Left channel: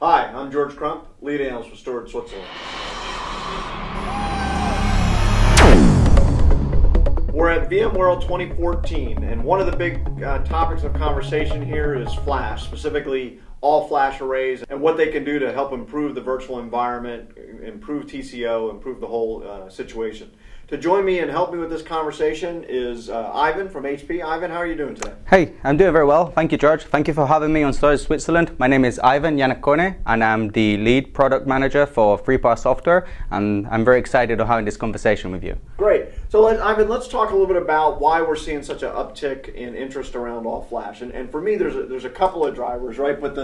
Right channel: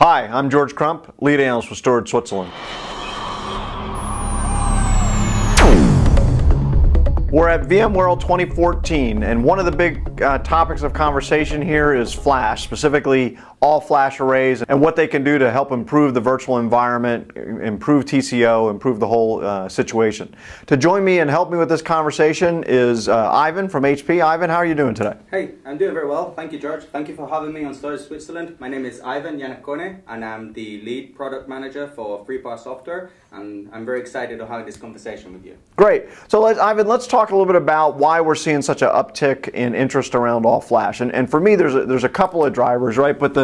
Hi, I'm George Crump, lead analyst with Storage Switzerland. We're at VMworld 2014, and one of the big topics of conversation here is flash, specifically all flash arrays and what they can do to help improve the virtual environment, improve TCO, improve the whole situation. To join me and help me with this conversation is Ivan from HP. Ivan, how are you doing today? Hey, I'm doing very well. Thank you, George. Thank you for having me on Storage Switzerland. My name is Ivan Yanakone, and I'm the lead product manager for FreePar Software, and I'm very excited to have this conversation with you. Great. So, Ivan, let's talk a little bit about why we're seeing such an uptick in interest around all flash. And for me, there's a couple of drivers, right? But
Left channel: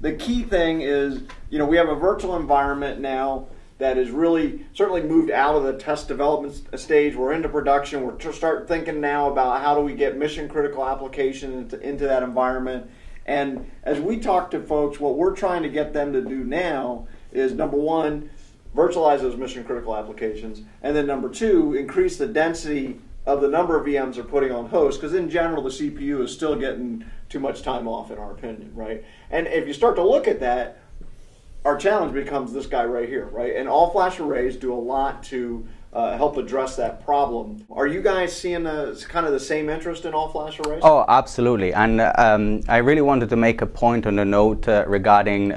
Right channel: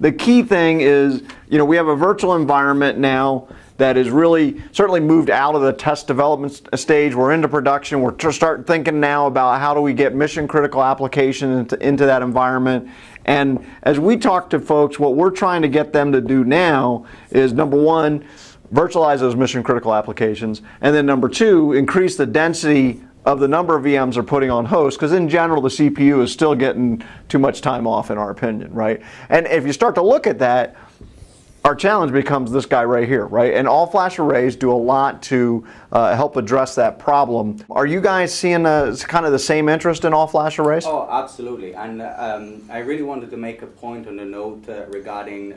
the key thing is, we have a virtual environment now that is really certainly moved out of the test development stage. We're into production. We're starting thinking now about how do we get mission critical applications into that environment. And as we talk to folks, what we're trying to get them to do now is, number one, virtualize those mission critical applications, and then number two, increase the density of the number of VMs they're putting on host, because in general the CPU is still getting too much time off, in our opinion, right? And if you start to look at that, our challenge becomes this guy right here, right? And all flash arrays do a lot to help address that problem. Are you guys seeing kind of the same interest in all flash arrays? Oh, absolutely. And I really wanted to make a point on the note regarding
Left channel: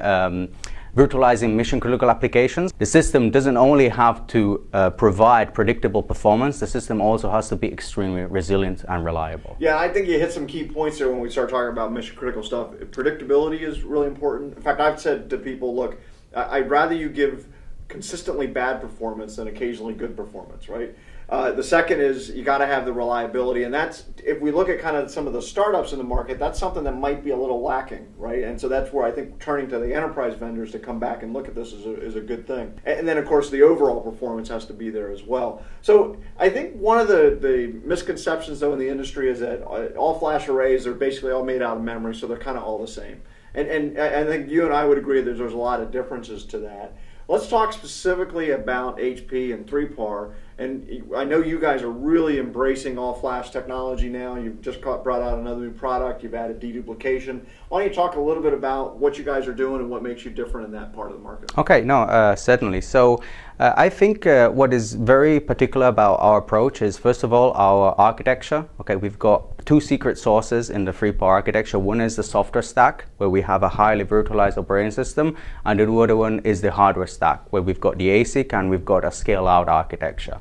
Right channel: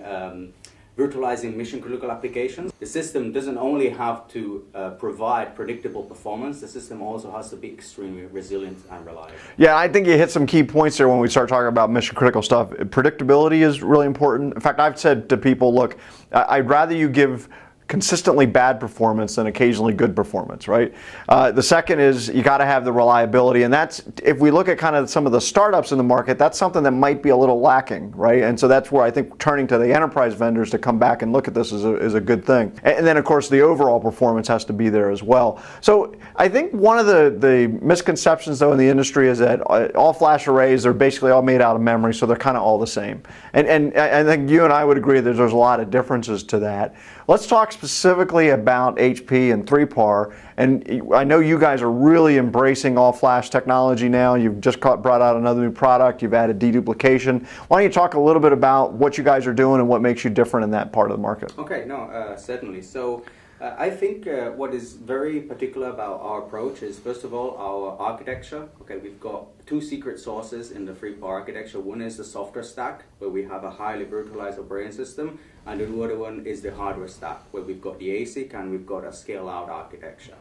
virtualizing mission critical applications. The system doesn't only have to provide predictable performance, the system also has to be extremely resilient and reliable. Yeah, I think you hit some key points there when we start talking about mission critical stuff. Predictability is really important. In fact, I've said to people, look, I'd rather you give consistently bad performance than occasionally good performance, right? The second is you got to have the reliability, and that's, if we look at kind of some of the startups in the market, that's something that might be a little lacking, right? And so that's where I think turning to the enterprise vendors to come back and look at this is a good thing. And then of course the overall performance has to be there as well. So I think one of the misconceptions though in the industry is that all flash arrays are basically all made out of memory, so they're kind of all the same. And I think you and I would agree that there's a lot of differences to that. Let's talk specifically about HP and FreePar. And I know you guys are really embracing all flash technology now. You've just brought out another new product. You've added deduplication. Why don't you talk a little bit about what you guys are doing and what makes you different in that part of the market? Okay, no, certainly. So I think what is very particular about our approach is, first of all, our architecture. Okay, we've got two secret sources in the FreePar architecture. One is the software stack, where we have a highly virtualized operating system, and the other one is the hardware stack, where we've got the ASIC and we've got a scale-out architecture.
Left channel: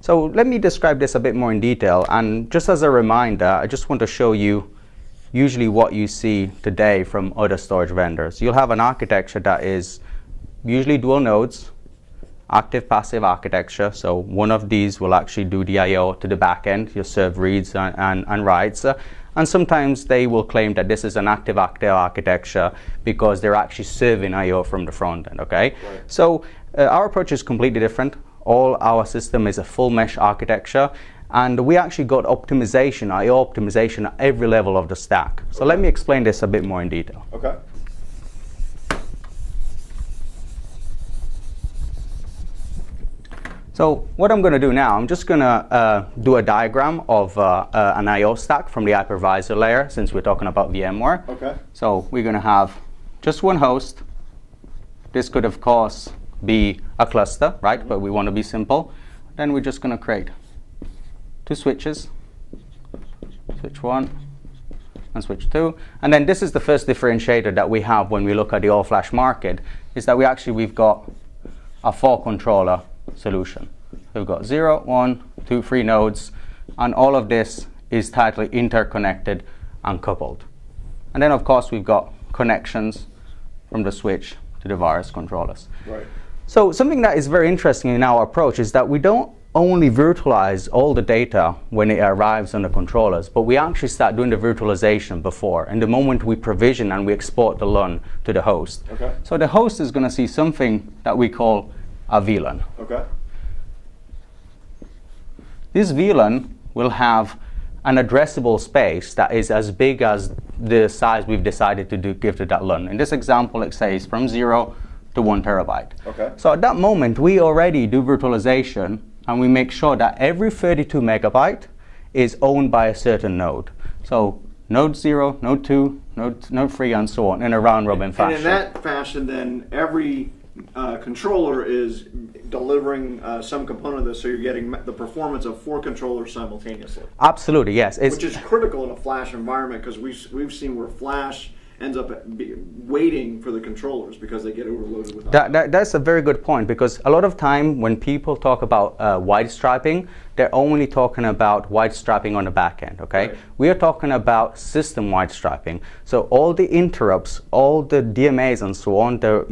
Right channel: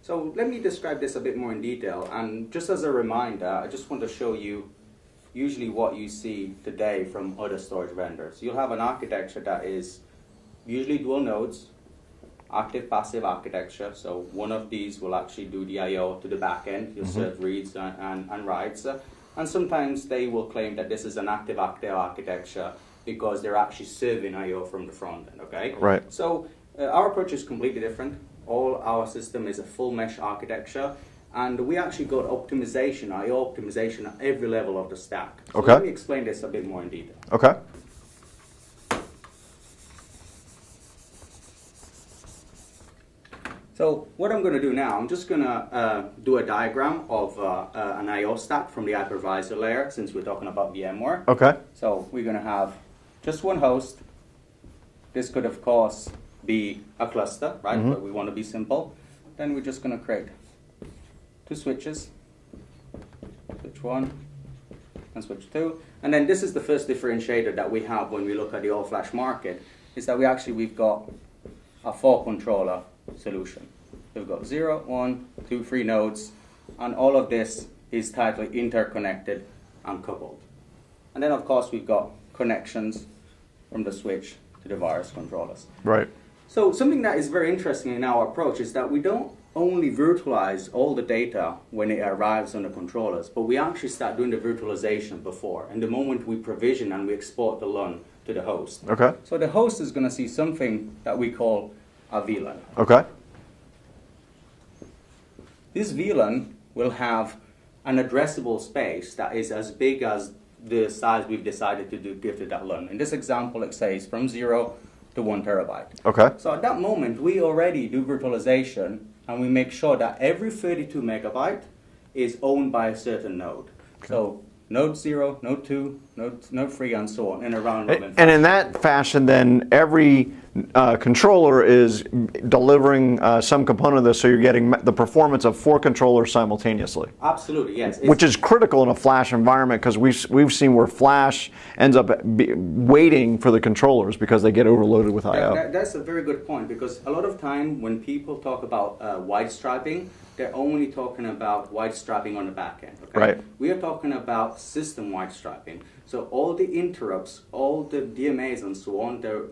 So let me describe this a bit more in detail, and just as a reminder, I just want to show you usually what you see today from other storage vendors. You'll have an architecture that is usually dual nodes, active passive architecture, so one of these will actually do the I/O to the back end. You'll serve reads and writes, and sometimes they will claim that this is an active architecture because they're actually serving I/O from the front end. Okay, right. So our approach is completely different. All our system is a full mesh architecture, and we actually got optimization, I/O optimization at every level of the stack. So let me explain this a bit more in detail. Okay. So what I'm going to do now, I'm just going to do a diagram of an I/O stack from the hypervisor layer, since we're talking about VMware. Okay. So we're going to have just one host. This could, of course, be a cluster, right? But we want to be simple. Then we're just going to create two switches, switch 1 and switch 2. And then this is the first differentiator that we have when we look at the all-flash market, is that we've got a 4-controller solution. So we've got 0, 1, 2, 3 nodes, and all of this is tightly interconnected and coupled. And then of course we've got connections from the switch to the various controllers. Right. So something that is very interesting in our approach is that we don't only virtualize all the data when it arrives on the controllers, but we actually start doing the virtualization before. And the moment we provision and we export the LUN to the host. Okay. So the host is going to see something that we call a VLAN. Okay. This VLAN will have an addressable space that is as big as the size we've decided to give to that LUN. In this example, it says from 0 to 1 terabyte. Okay. So at that moment, we already do virtualization, and we make sure that every 32 megabyte is owned by a certain node. So node 0, node 2, node free, and so on, in a round robin fashion. And in that fashion, then every controller is delivering some component of this, so you're getting the performance of 4 controllers simultaneously. Absolutely, yes. Which is critical in a Flash environment, because we've seen where Flash ends up waiting for the controllers because they get overloaded with I/O. That's a very good point, because a lot of time when people talk about wide striping, they're only talking about wide striping on the back end, okay? Right. We are talking about system-wide striping. So all the interrupts, all the DMAs and so on, they're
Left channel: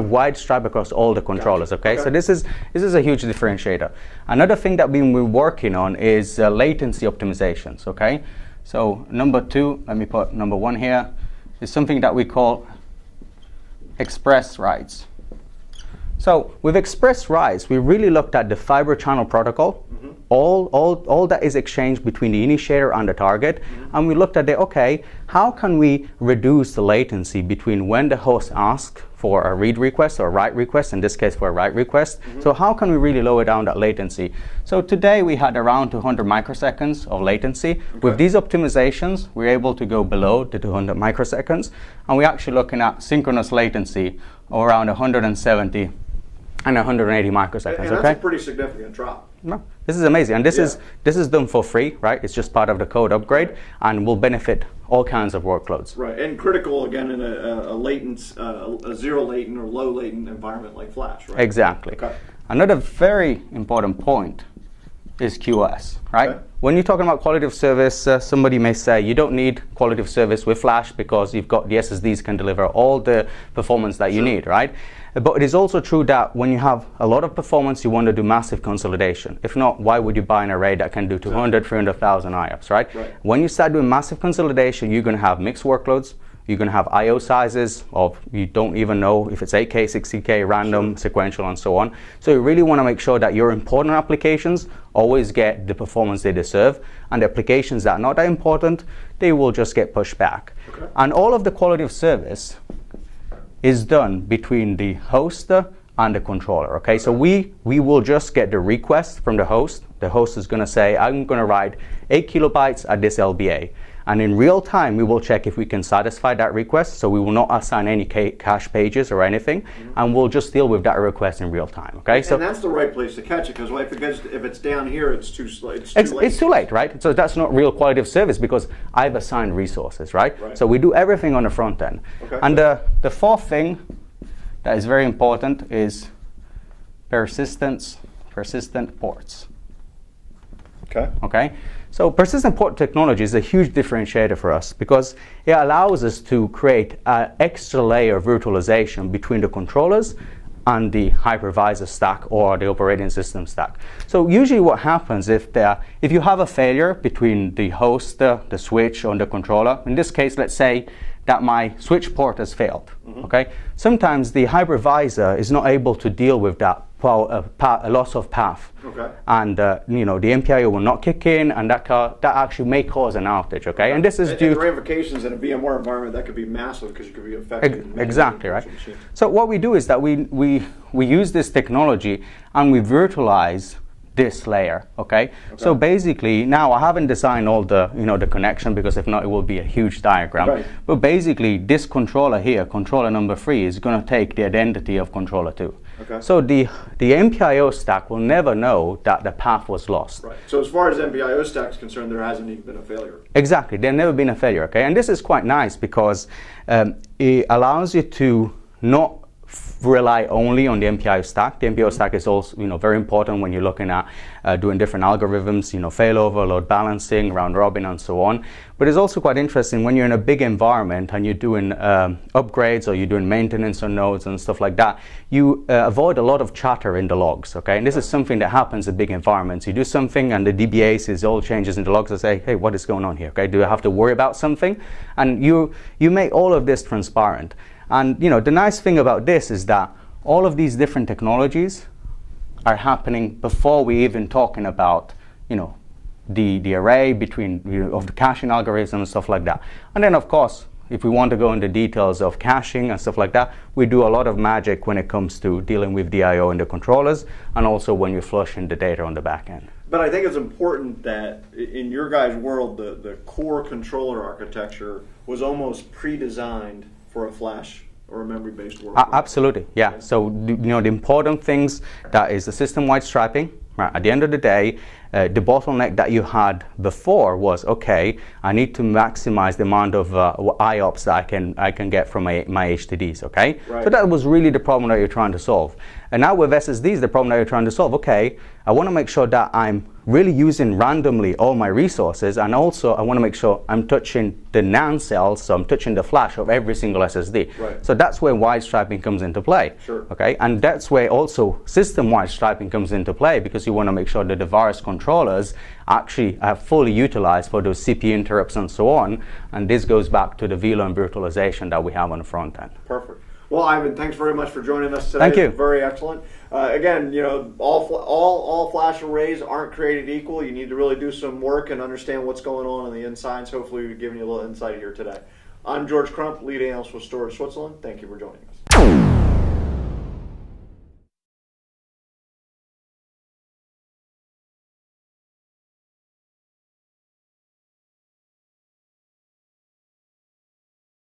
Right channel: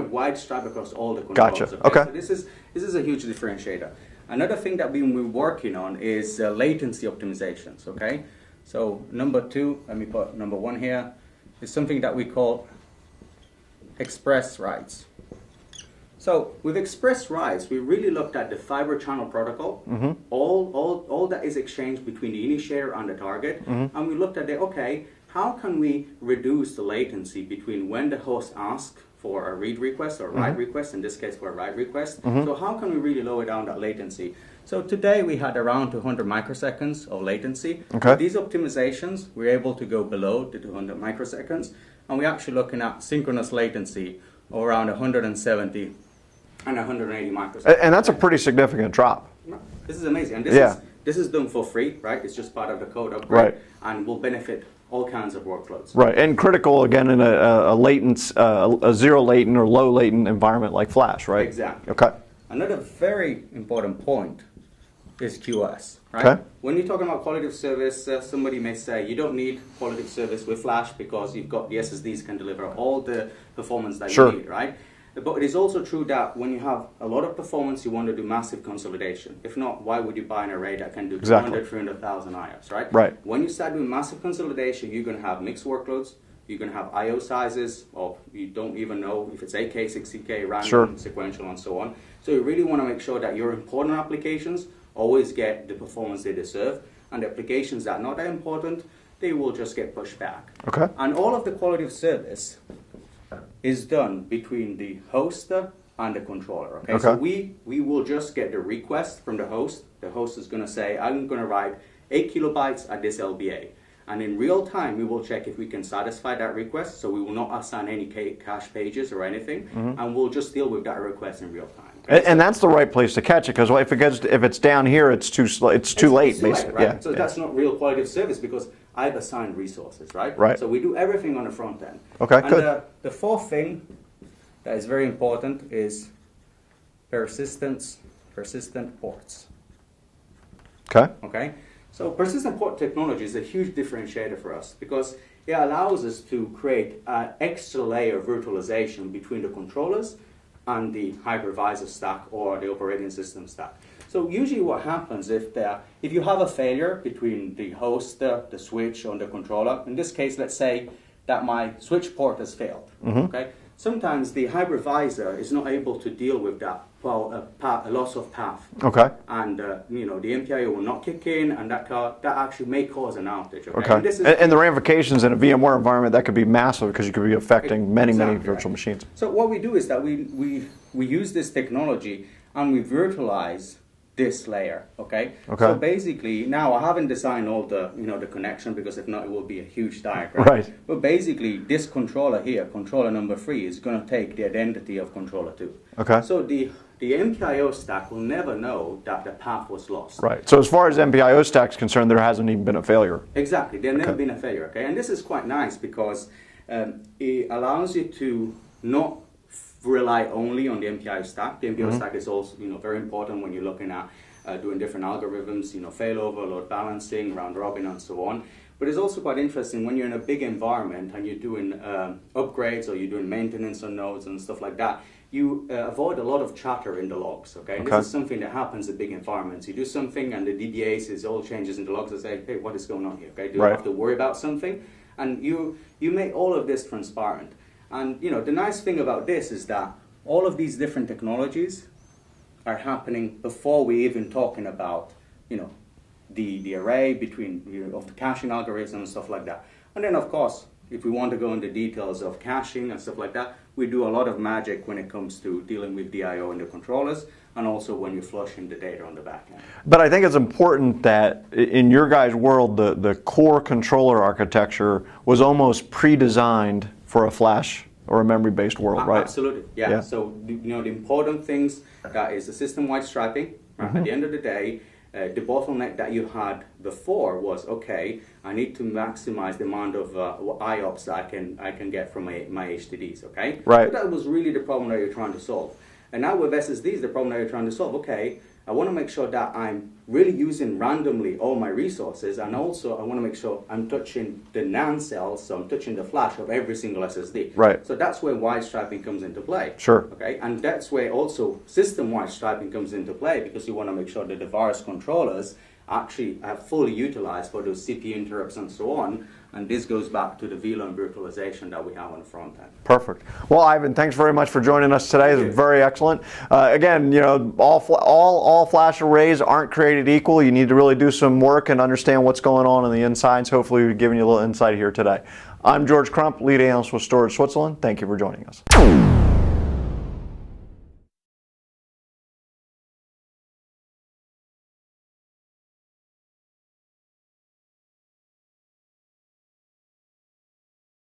wide stripe across all the controllers, Gotcha. okay? So this is a huge differentiator. Another thing that we've been working on is latency optimizations, okay? So number 2, let me put number 1 here, is something that we call express writes. So with express writes, we really looked at the fiber channel protocol, all that is exchanged between the initiator and the target, and we looked at okay, how can we reduce the latency between when the host asks for a read request or a write request, in this case for a write request. So how can we really lower down that latency? So today we had around 200 microseconds of latency. Okay. With these optimizations, we're able to go below the 200 microseconds, and we're actually looking at synchronous latency of around 170 and 180 microseconds. And that's a pretty significant drop. No, this is amazing, and this is done for free, right? It's just part of the code upgrade, and will benefit all kinds of workloads. Right, and critical again in a zero latent or low latent environment like Flash, right? Exactly. Okay. Another very important point is QoS, right? Okay. When you're talking about quality of service, somebody may say you don't need quality of service with Flash because you've got the SSDs can deliver all the performance that you need, right? But it is also true that when you have a lot of performance, you want to do massive consolidation. If not, why would you buy an array that can do 200, 300,000 IOPS, right? Right. When you start doing massive consolidation, you're going to have mixed workloads. You're going to have I/O sizes of you don't even know if it's 8K, 60K, random, sequential, and so on. So you really want to make sure that your important applications always get the performance they deserve, and the applications that are not that important, they will just get pushed back. Okay. And all of the quality of service is done between the host and the controller, okay? So we will just get the request from the host. The host is going to say, I'm going to write 8 kilobytes at this LBA. And in real time, we will check if we can satisfy that request. So we will not assign any cache pages or anything, and we'll just deal with that request in real time. Okay, and that's the right place to catch it, because if it's down here, it's too late. It's too late, right? Yeah. So that's not real quality of service because I've assigned resources, right? Right. So we do everything on the front end. Okay. And the fourth thing that is very important is persistent ports. Okay. Okay. So persistent port technology is a huge differentiator for us because it allows us to create an extra layer of virtualization between the controllers and the hypervisor stack or the operating system stack. So usually what happens if you have a failure between the host, the switch, or the controller, in this case, let's say that my switch port has failed, okay? Sometimes the hypervisor is not able to deal with that a loss of path. Okay. And the MPIO will not kick in, and that actually may cause an outage. Okay. And this is and the ramifications in a VMware environment that could be massive because you could be affecting many virtual machines. So what we do is that we use this technology and we virtualize this layer. Okay. So basically, now I haven't designed all the the connection because if not, it will be a huge diagram. Right. But basically, this controller here, controller number 3, is going to take the identity of controller 2. Okay. So the MPIO stack will never know that the path was lost. Right. So as far as MPIO stack is concerned, there hasn't even been a failure. Exactly. There's never been a failure. Okay. And this is quite nice because it allows you to not rely only on the MPIO stack. The MPIO stack is also very important when you're looking at doing different algorithms, failover, load balancing, round robin, and so on. But it's also quite interesting when you're in a big environment and you're doing upgrades or you're doing maintenance on nodes and stuff like that, you avoid a lot of chatter in the logs, okay? And this is something that happens in big environments. You do something and the DBA sees all changes in the logs and say, hey, what is going on here, okay? Do I have to worry about something? And you make all of this transparent. And the nice thing about this is that all of these different technologies are happening before we even talking about, the array between of the caching algorithm and stuff like that. And then of course, if we want to go into details of caching and stuff like that, we do a lot of magic when it comes to dealing with the I/O and the controllers, and also when you're flushing the data on the back end. But I think it's important that in your guys' world, the core controller architecture was almost pre-designed for a flash or a memory-based world, right? Absolutely, yeah. So the important things, that is the system-wide striping. Right? At the end of the day, the bottleneck that you had before was, okay, I need to maximize the amount of IOPS that I can get from my HDDs, okay? Right. So that was really the problem that you're trying to solve. And now with SSDs, the problem that you're trying to solve, okay, I want to make sure that I'm really using randomly all my resources, and also I want to make sure I'm touching the NAND cells, so I'm touching the flash of every single SSD. Right. So that's where wide striping comes into play. Sure. Okay, and that's where also system-wide striping comes into play, because you want to make sure that the various controllers actually are fully utilized for those CPU interrupts and so on. And this goes back to the VLAN virtualization that we have on the front end. Perfect. Well, Ivan, thanks very much for joining us today. Thank you. Very excellent. Again, you know, all flash arrays aren't created equal. You need to really do some work and understand what's going on the insides. Hopefully, we've given you a little insight here today. I'm George Crump, lead analyst with Storage Switzerland. Thank you for joining us.